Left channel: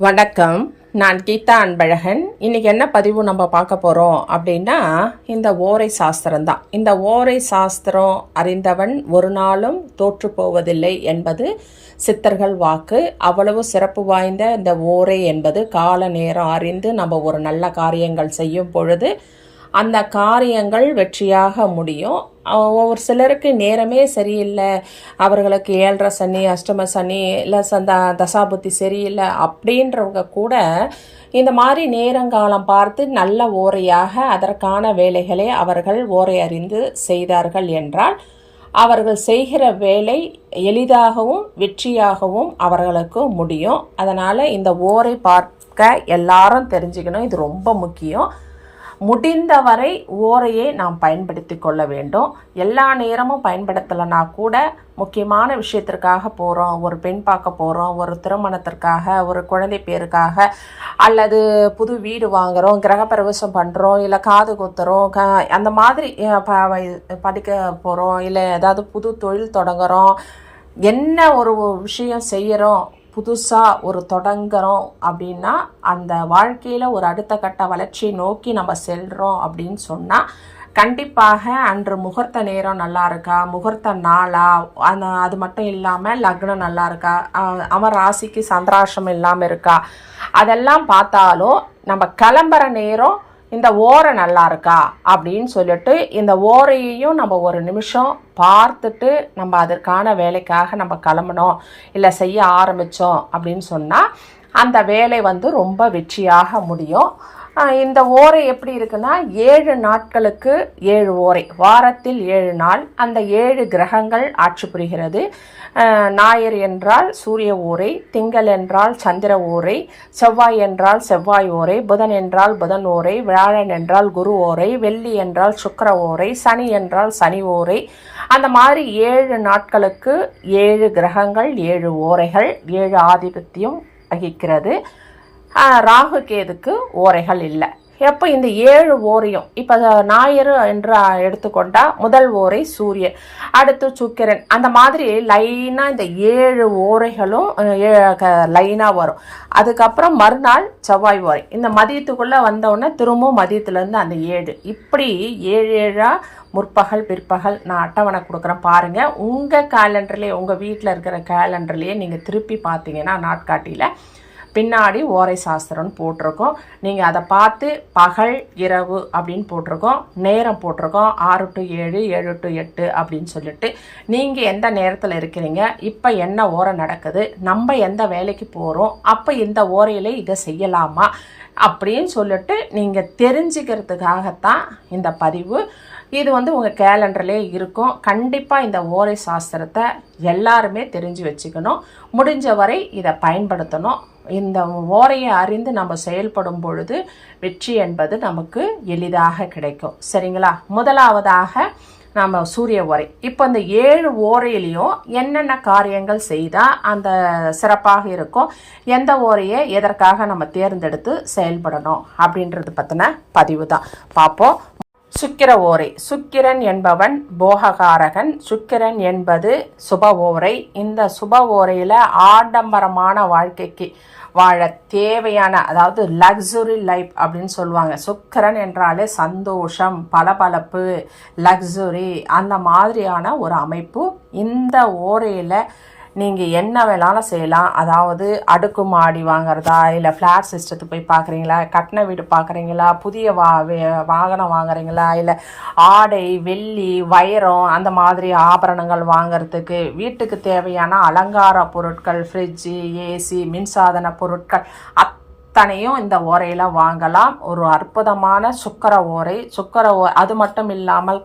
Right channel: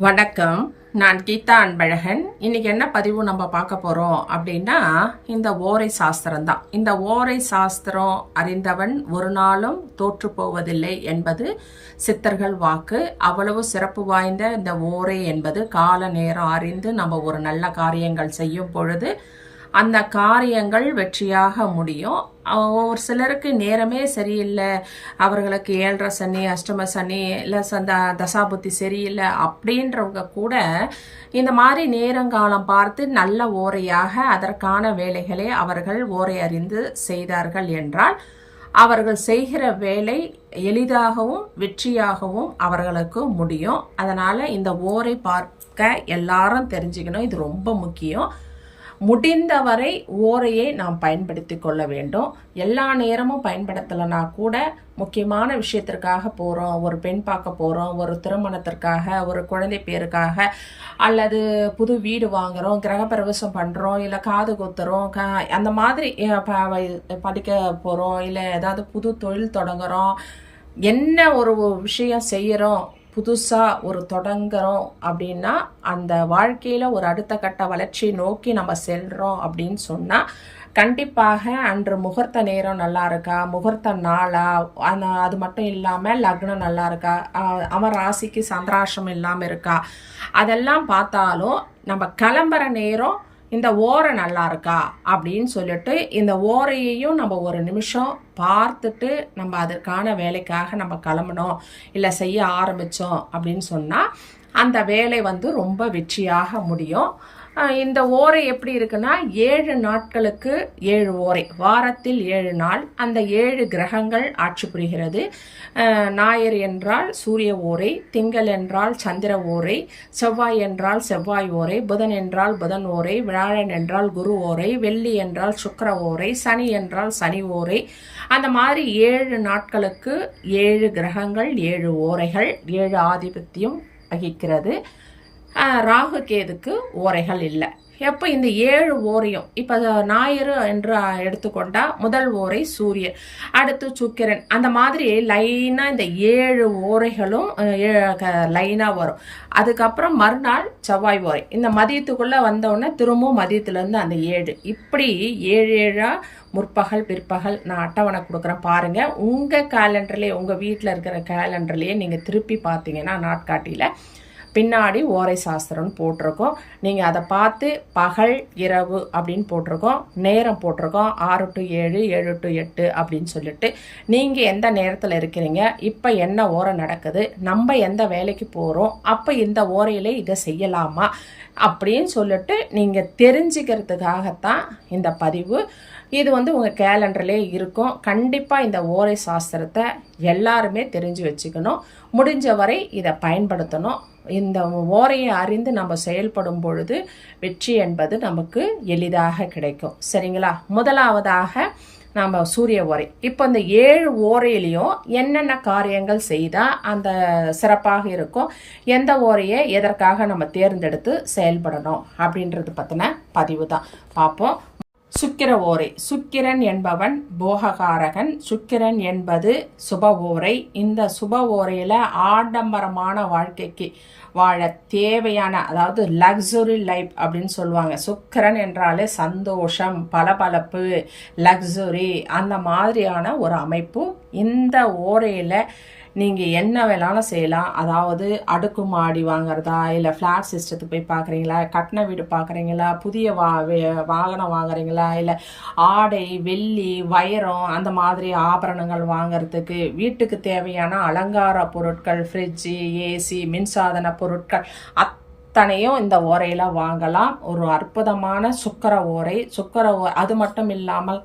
வணக்கம். நான் கீதா அன்பழகன். இன்னைக்கு என்ன பதிவு நம்ம பார்க்க போகிறோம் அப்படின்னா, இந்த ஓரை சாஸ்திரம் தான். இந்த ஓரை சாஸ்திரம் அறிந்தவன் ஒரு நாளும் தோற்று போவதில்லை என்பது சித்தர்கள் வாக்கு. அவ்வளவு சிறப்பு வாய்ந்த இந்த ஓரை என்பது கால நேரம் அறிந்து நம்ம ஒரு நல்ல காரியங்கள் செய்யும் பொழுது அந்த காரியங்கள் வெற்றியாக முடியும். ஒவ்வொரு சிலருக்கு நேரமே சரியில்லை, அவர்களுக்கு 7.5 சனி, அஷ்டம சனி, இல்லை தசாபுத்தி சரியில்லை அப்படின்றவங்க கூட இந்த மாதிரி நேரங்காலம் பார்த்து நல்ல ஓரையாக அதற்கான வேலைகளை அவர்கள் ஓரை அறிந்து செய்தார்கள் என்றால் அவர்கள் செய்கிற வேலை எளிதாகவும் வெற்றியாகவும் அவர்களுக்கு முடியும். அதனால் இந்த ஓரை பார்க்க எல்லாரும் தெரிஞ்சுக்கணும். இது ரொம்ப முக்கியம். முடிந்தவரை ஓரையை நாம் பயன்படுத்தி கொள்ள வேண்டும். எல்லா நேரமும் பயன்படுத்தலைனா கூட முக்கியமான விஷயத்திற்காக போகிறோம், ஒரு பெண் பார்க்க போகிறோம், ஒரு திருமணத்திற்காக, ஒரு குழந்தை பேருக்காக, அல்லது புது வீடு வாங்குகிறோம், கிரகப்பிரவேசம் பண்ணுறோம், இல்லை காது குத்துறோம், அந்த மாதிரி படிக்க போகிறோம், இல்லை ஏதாவது புது தொழில் தொடங்குகிறோம், என்ன ஒரு விஷயம் செய்கிறோம், புதுசாக ஒரு தொடங்குறோம் அப்படின்னா அந்த வாழ்க்கையில் ஒரு அடுத்த கட்ட வளர்ச்சியை நோக்கி நம்ம செல்கிறோம் அப்படின்னு சொன்னால் கண்டிப்பாக அன்று முகூர்த்த நேரம் நல்லா இருக்கா, முகூர்த்த நாளா, அது மட்டும் இல்லாமல் லக்னம் நல்லா இருக்கா, அவன் ராசிக்கு சந்திராசிரமம் இல்லாமல் இருக்கா, அதெல்லாம் பார்த்தாலும் நம்ம கிளம்புற நேரம் இந்த ஓரை நல்லா இருக்கா அப்படின்னு சொல்லிட்டு இந்த ஓரையையும் நம்ம ஒரு நிமிஷம் பார்த்துட்டு நம்ம அதற்கான வேலைக்காக நம்ம கிளம்பணும், இல்லை செய்ய ஆரம்பித்தோம் அப்படின்னு சொன்னால் அந்த வேலை ரொம்ப வெற்றியாக முடியும். இந்த ஓரை எப்படி இருக்குன்னா 7 நாட்களுக்கு 7 ஓரை, வாரத்தில் 7 நாள், அந்த 7 கிரகங்கள் ஆட்சி புரிகிறது. ஞாயிறு என்றால் சூரிய ஓரை, திங்கள் என்றால் சந்திர ஓரை, செவ்வாய் என்றால் செவ்வாய் ஓரை, புதன் என்றால் புதன் ஓரை, வியாழன் என்றால் குரு ஓரை, வெள்ளி என்றால் சுக்கிர ஓரை, சனி என்றால் சனி ஓரை. அந்த மாதிரி 7 நாட்களுக்கு 7 கிரகங்கள், 7 ஓரைகள், 7 ஆதிபத்தியம் வகிக்கிறது. ராகு கேதுக்கு ஓரைகள் இல்லை. எப்போ இந்த 7 ஓரையும் இப்போ ஞாயிறு என்று எடுத்துக்கொண்டா முதல் ஓரை சூரியன், அடுத்து சுக்கிரன், அந்த மாதிரி லைனாக இந்த 7 ஓரைகளும் லைனாக வரும். அதுக்கப்புறம் மறுநாள் செவ்வாய் ஓரை, இந்த மதியத்துக்குள்ளே வந்தவுடனே திரும்பவும் மதியத்துலேருந்து அந்த 7, இப்படி 7 முற்பகல் பிற்பகல் நான் அட்டவணை கொடுக்குறேன் பாருங்கள். உங்கள் கேலண்டர்லேயே, உங்கள் வீட்டில் இருக்கிற கேலண்டர்லேயே நீங்கள் திருப்பி பார்த்தீங்கன்னா நாட்காட்டியில் பின்னாடி ஓரை சாஸ்திரம்னு போட்டிருக்கோம். நீங்கள் அதை பார்த்து பகல் இரவு அப்படின்னு போட்டிருக்கோம், நேரம் போட்டிருக்கோம் 6 to 7, 7 to 8 அப்படின்னு சொல்லிட்டு நீங்கள் எந்த நேரத்தில் இருக்கிறீங்க, இப்போ என்ன ஓரை நடக்குது, நம்ம எந்த வேலைக்கு போகிறோம், அப்போ இந்த ஓரையில் இதை செய்யலாமா அப்படின்னு சொல்லிட்டு நீங்கள் தெரிஞ்சுக்கிறதுக்காகத்தான் இந்த பதிவு. இது உங்கள் கேலண்டர்லேயே இருக்கும். கண்டிப்பாக இந்த ஓரை சாஸ்திரத்தை எல்லாருமே தெரிஞ்சு வச்சுக்கணும். முடிஞ்ச வரை இதை பயன்படுத்தணும். இந்த ஓரையை அறிந்து நம்ம செயல்படும் பொழுது வெற்றி என்பது நமக்கு எளிதாக கிடைக்கும். சரிங்களா? முதலாவதாக நாம் சூரிய ஓரை. இப்போ இந்த 7 ஓரையிலையும் என்னென்ன காரியங்கள் செய்தால் அந்த சிறப்பாக இருக்கும், எந்த ஓரையை எதற்காக நம்ம தேர்ந்தெடுத்து செயல்படணும் அப்படின்றது பற்றின பதிவு தான் பார்ப்போம். சுக்கிர ஓரை. சுக்கிரன் என்பவன் போககாரகன். சுக்கிரன் என்பது சுப ஓரை. இந்த சுப ஓரையில் ஆடம்பரமான வாழ்க்கைக்கு வாழ தேவையான, அதாவது லக்ஸுரி லைஃப் அப்படின்னு சொல்லுவாங்க. சுக்கிரன் என்றாலே சந்தோஷம், பளபளப்பு, லக்ஸுரி, அந்த மாதிரியான ஒரு அமைப்பு. இந்த ஓரையில் நீங்கள் என்ன வேணாலும் செய்யலாம். அதாவது அடுக்குமாடி வாங்குறதா, இல்லை ஃப்ளாட் சிஸ்டத்துக்கு போய் பார்க்குறீங்களா, கட்டின வீடு பார்க்குறீங்களா, புதிய வாகனம் வாங்குறீங்களா, இல்லை ஆடை, வெள்ளி, வைரம், அந்த மாதிரி ஆபரணங்கள் வாங்கிறதுக்கு, வீட்டுக்கு தேவையான அலங்கார பொருட்கள், ஃப்ரிட்ஜு, ஏசி, மின்சாதன பொருட்கள் அத்தனையும் இந்த ஓரையில் வாங்கலாம். ஒரு அற்புதமான சுக்கிர ஓரை. அது மட்டும் இல்லாமல்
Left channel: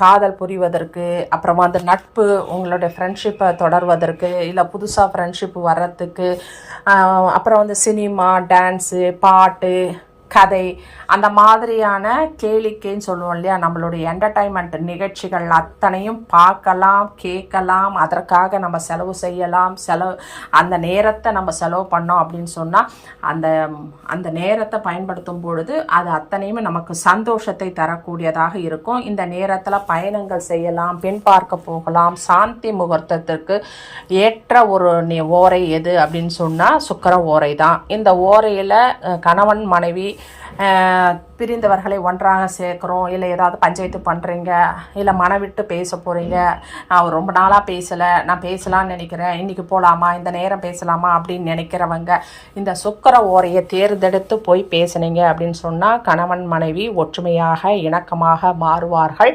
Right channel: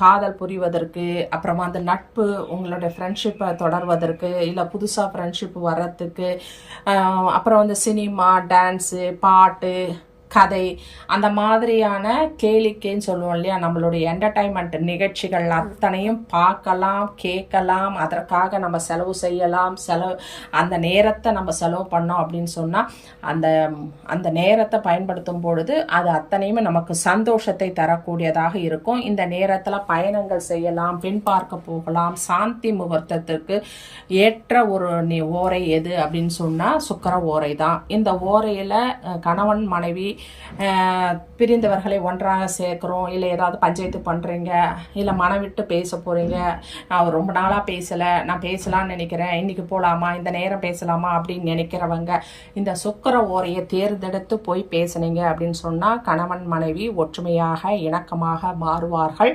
காதல் புரிவதற்கு, அப்புறமா நட்பு, உங்களுடைய ஃப்ரெண்ட்ஷிப்பை தொடர்வதற்கு, இல்லை புதுசாக ஃப்ரெண்ட்ஷிப் வர்றதுக்கு, அப்புறம் சினிமா, டான்ஸு, பாட்டு, கதை, அந்த மாதிரியான கேளிக்கைன்னு சொல்லுவோம் இல்லையா, நம்மளுடைய என்டர்டைன்மெண்ட் நிகழ்ச்சிகள் அத்தனையும் பார்க்கலாம், கேட்கலாம். அதற்காக நம்ம செலவு செய்யலாம். அந்த நேரத்தை நம்ம செலவு பண்ணோம் அப்படின்னு சொன்னால் அந்த நேரத்தை பயன்படுத்தும் பொழுது அது அத்தனையுமே நமக்கு சந்தோஷத்தை தரக்கூடியதாக இருக்கும். இந்த நேரத்தில் பயணங்கள் செய்யலாம், பின் பார்க்க போகலாம். சாந்தி முகூர்த்தத்திற்கு ஏற்ற ஒரு ஓரை எது அப்படின்னு சொன்னால் சுக்கிர ஓரை தான். இந்த ஓரையில் கணவன் மனைவி பிரிந்தவர்களை ஒன்றாக சேர்க்குறோம், இல்லை ஏதாவது பஞ்சாயத்து பண்ணுறீங்க, இல்லை மனவிட்டு பேச போகிறீங்க, அவர் ரொம்ப நாளாக பேசலை, நான் பேசலான்னு நினைக்கிறேன், இன்றைக்கி போகலாமா, இந்த நேரம் பேசலாமா அப்படின்னு நினைக்கிறவங்க இந்த சுக்கிர ஓரையை தேர்ந்தெடுத்து போய் பேசுனீங்க அப்படின்னு சொன்னால் கணவன் மனைவி ஒற்றுமையாக இணக்கமாக மாறுவார்கள்.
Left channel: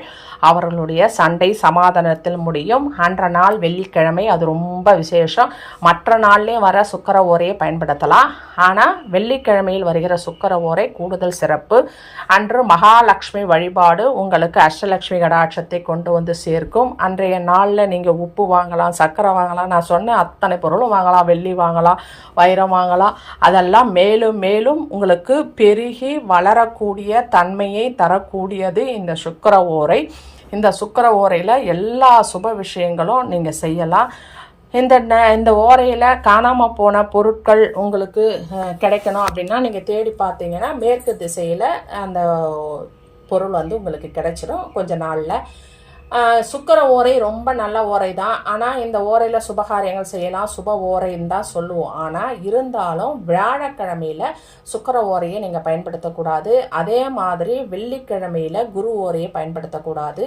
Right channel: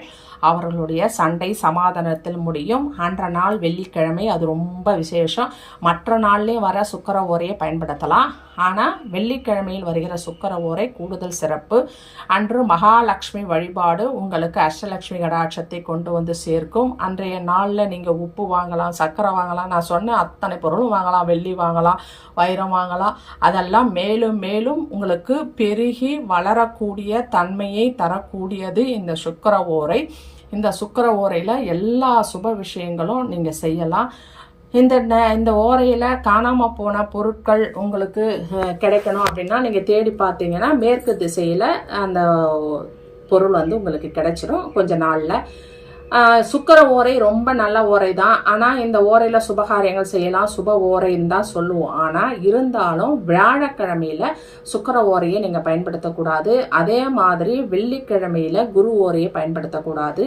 அவர்களுடைய சண்டை சமாதானத்தில் முடியும். அன்ற நாள் வெள்ளிக்கிழமை, அது ரொம்ப விசேஷம். மற்ற நாள்லேயும் வர சுக்கிர ஓரையை பயன்படுத்தலாம். ஆனால் வெள்ளிக்கிழமையில் வருகிற சுக்கிர ஓரை கூடுதல் சிறப்பு. அன்று மகாலட்சுமி வழிபாடு உங்களுக்கு அஷ்டலட்சுமி கடாட்சத்தை கொண்டு வந்து சேர்க்கும். அன்றைய நாளில் நீங்கள் உப்பு வாங்கலாம், சர்க்கரை வாங்கலாம், நான் சொன்ன அத்தனை பொருளும் வாங்கலாம், வெள்ளி வாங்கலாம், வைரம் வாங்கலாம். அதெல்லாம் மேலும் மேலும் உங்களுக்கு பெருகி வளரக்கூடிய தன்மையை தரக்கூடியது இந்த சுக்கிர ஓரை. இந்த சுக்கிர ஓரையில் எல்லா சுப விஷயங்களும் நீங்கள் செய்யலாம். இந்த ஓரையில் காணாமல் போன பொருட்கள் உங்களுக்கு கிடைக்கணும் அப்படின்னா நீங்கள் தேடி பார்த்தீங்கன்னா மேற்கு திசையில் அந்த பொருள் வந்து உங்களுக்கு கிடைச்சிடும் கொஞ்ச நாளில். சுக்கிர ஓரை ரொம்ப நல்ல ஓரை தான். ஆனால் இந்த ஓரையில் சுபகாரியங்கள் செய்யலாம், சுப ஓரைன்னு தான் சொல்லுவோம். ஆனால் இருந்தாலும் வியாழக்கிழமையில சுக்கிர ஓரையை நீங்கள் பயன்படுத்தக்கூடாது. அதே மாதிரி வெள்ளிக்கிழமையில குரு ஓரையை பயன்படுத்தக்கூடாது.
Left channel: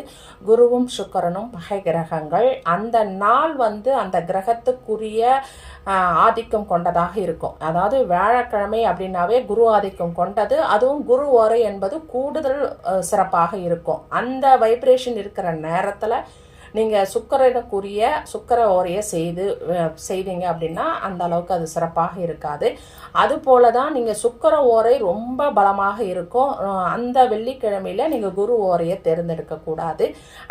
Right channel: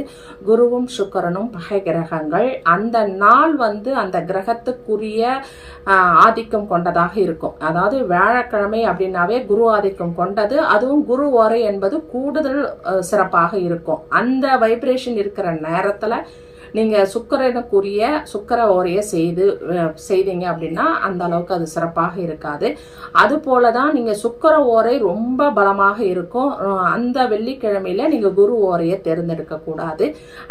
குருவும் சுக்கிரனும் பகை கிரகங்கள். அந்த நாள் வந்து அந்த கிரகத்துக்குரிய ஆதிக்கம் கொண்டதாக இருக்கும். அதாவது வியாழக்கிழமை அப்படின்னாவே குரு ஆதிக்கம் கொண்டது. அதுவும் குரு ஓரை என்பது கூடுதல் சிறப்பாக இருக்கும். அந்த வைப்ரேஷன் இருக்கிற நேரத்தில் நீங்கள் சுக்கிரனுக்குரிய சுக்கிர ஓரையை செய்தீங்க அப்படின்னா அந்த அளவுக்கு அது சிறப்பாக இருக்காது. அது போல தான் நீங்கள் சுக்கிர ஓரை ரொம்ப பலமாக இருக்கும். அந்த வெள்ளிக்கிழமையில நீங்கள் குரு ஓரையை தேர்ந்தெடுக்கக்கூடாது.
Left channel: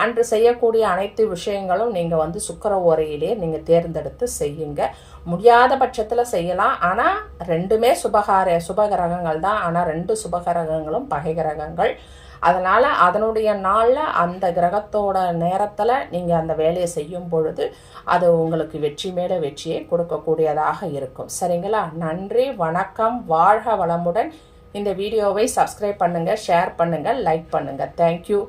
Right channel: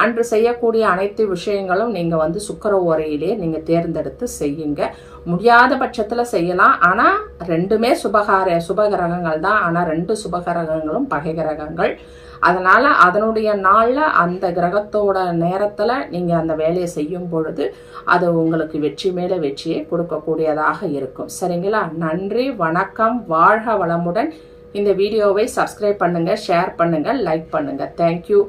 அன்று செய்யக்கூடிய அனைத்து விஷயங்களும் நீங்கள் வந்து சுக்கிர ஓரையிலே நீங்கள் தேர்ந்தெடுத்து செய்யுங்க. முடியாத பட்சத்தில் செய்யலாம். ஆனால் ரெண்டுமே சுபகிரகங்கள் தான். ஆனால் ரெண்டு சுபகிரகங்களும் பகை கிரகங்கள். அதனால அதனுடைய நாளில் அந்த கிரகத்தோட நேரத்தில் நீங்கள் அந்த வேலையை செய்யும் பொழுது அது உங்களுக்கு வெற்றி மேலே வெற்றியை கொடுக்கக்கூடியதாக இருக்கும். சரிங்களா? நன்றி, வணக்கம், வாழ்க வளமுடன். இந்த வீடியோவை சப்ஸ்கிரைப் பண்ணுங்க, ஷேர் பண்ணுங்க, லைக் பண்ணுங்க. தேங்க்யூ.